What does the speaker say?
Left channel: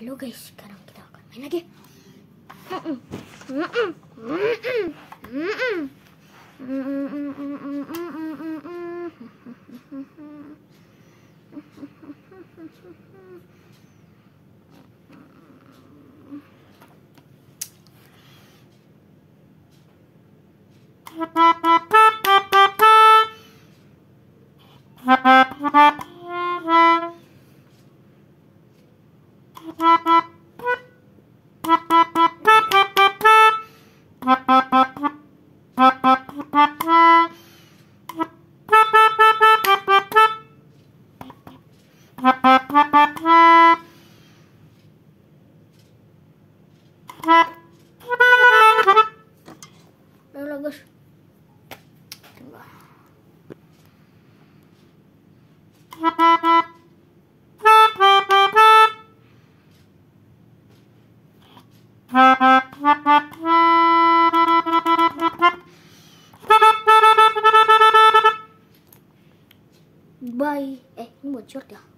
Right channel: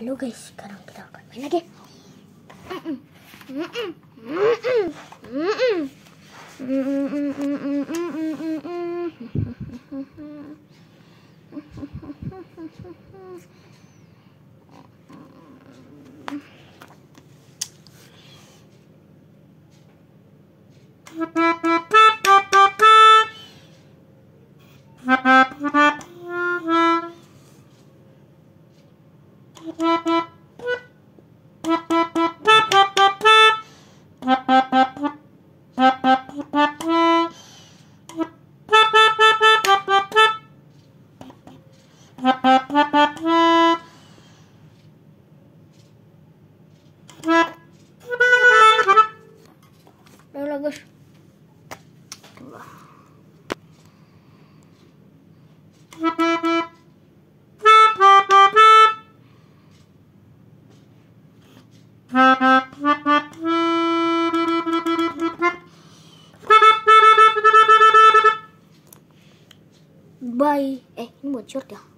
Halo guys, sekarang kita akan main lagi. Udah guys. Bye. Ini buat short ya.